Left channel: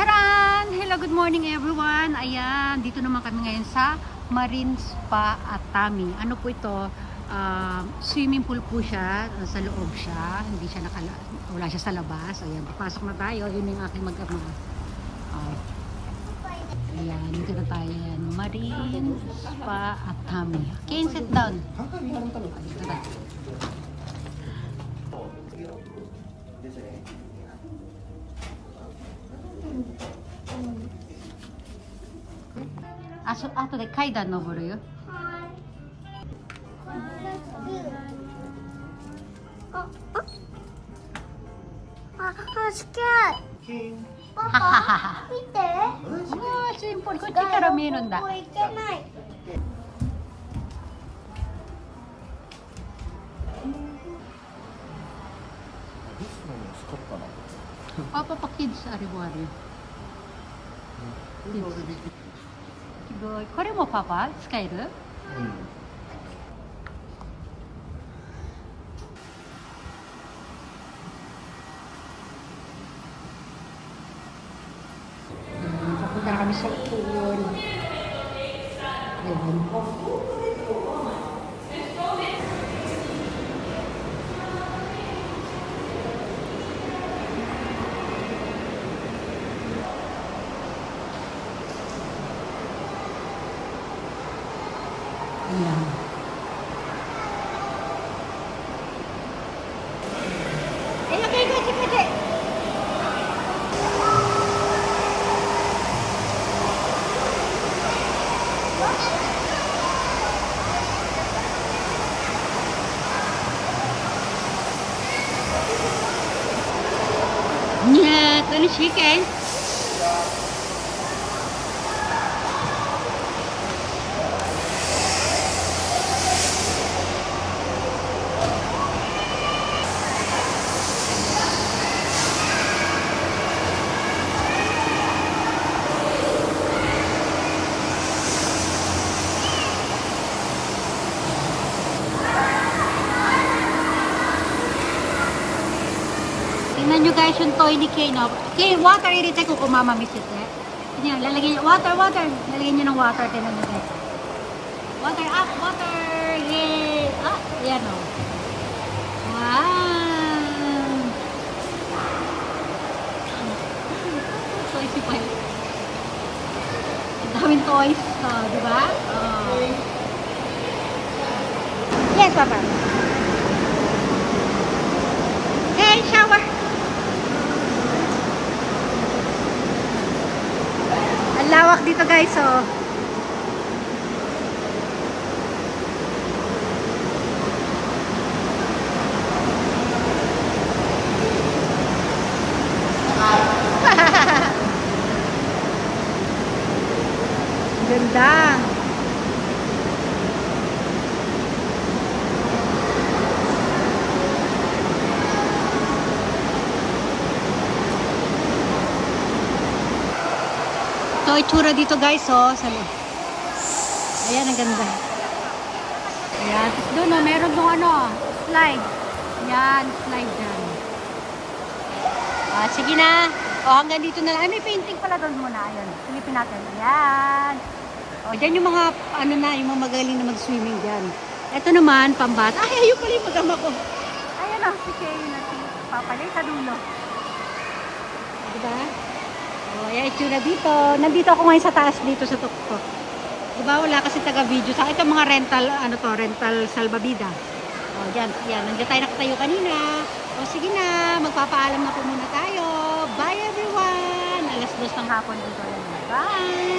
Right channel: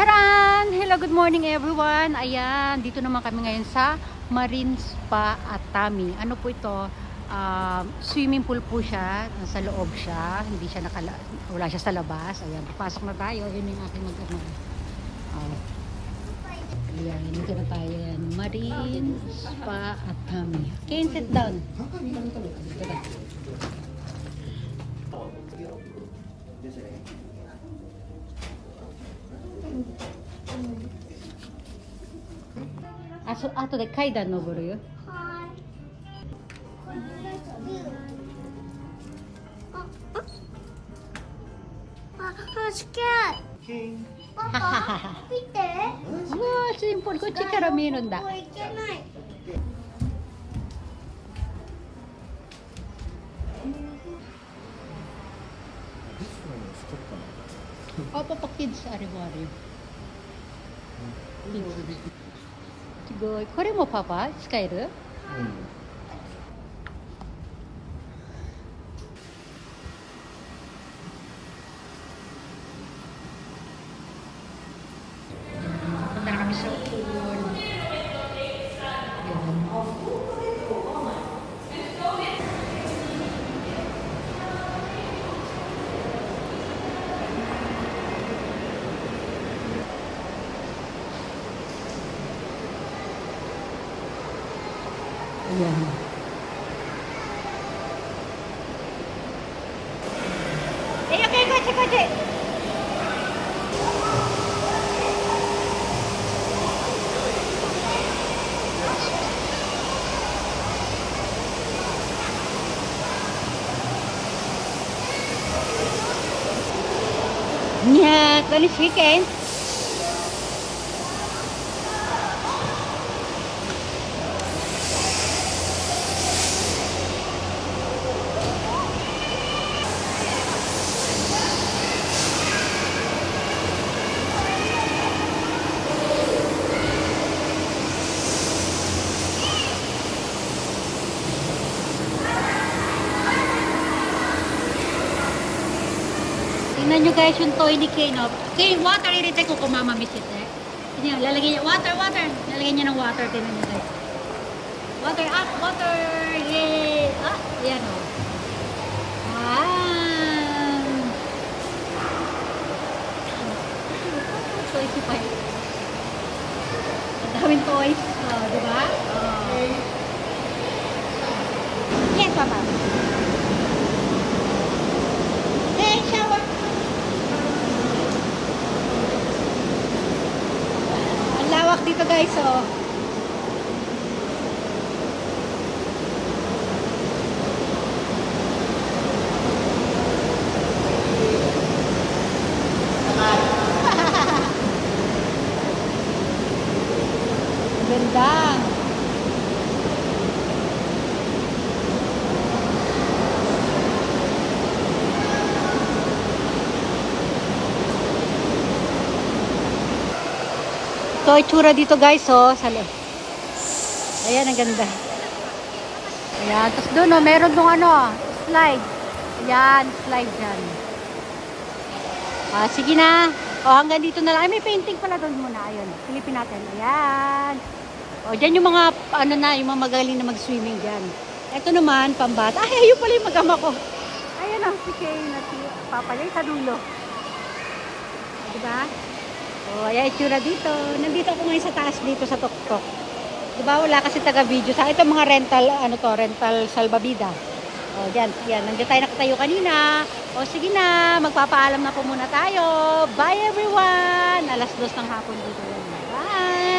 Charan! Hello, good morning everyone. Ayan, dito naman kami ngayon sa Marine Spa Atami. Ano po ito? Swimming pool po siya. Sa loob siya. Hindi siya wala siya sa labas. Ayan, papasok na tayo. Yun yung aking mag-ama. Ayan, dito na tayo. Ayan, Marine Spa Atami. Okay, sit down. Dito na.後で階段登るよ。Papa, 見て。simple. Ko chikara meron da. Papa pa kids ari-ari. Good. これもパパ使える？Papunta kami sa pool. Ayan. Okay, pwede. Nya, tani chicken. Tingnan nyo guys yung toilet kayo, no? Okay, water irita ko kung mama miss it, eh. Tingnan, lalagyan nyo, water. Lalagyan nyo ng water, tingnan nyo guys. Water, water! Yay! Ayan, o. Toys pa yun. Daming toys, diba? Yes, papa. Hey, shower! Lawak dito guys, oh. Ganda. So, itsura dito guys, oh, sa loob. Ayan, ang ganda. Ayan, tapos doon, oh, meron dong ano, slide. Yan, slide dyan. Ayan, sige na. O, hanggang dito na lang. Ay, may painting pala doon muna. Ayan, silipin natin. Ayan. O, dyan yung mga, ano na, yung mga magaling na mag-swimming dyan. Ito naman, pambata. Ay, ayun pala yung mag-ama ko. Ayan ang si Kay na si Papalay sa dulo. Diba? Ayan, itsura dito. Nandito ako ngayon sa taas dito sa tuktok. Diba, wala kasi taga-video. Sa ito mga rental, ano to, rental salbabida. O, yan. Nandiyan tayo nakatayo kanina. O, sige na. Magpapaalam na po muna tayo. Bye, everyone! Alas 2 ng hapon dito. Bye!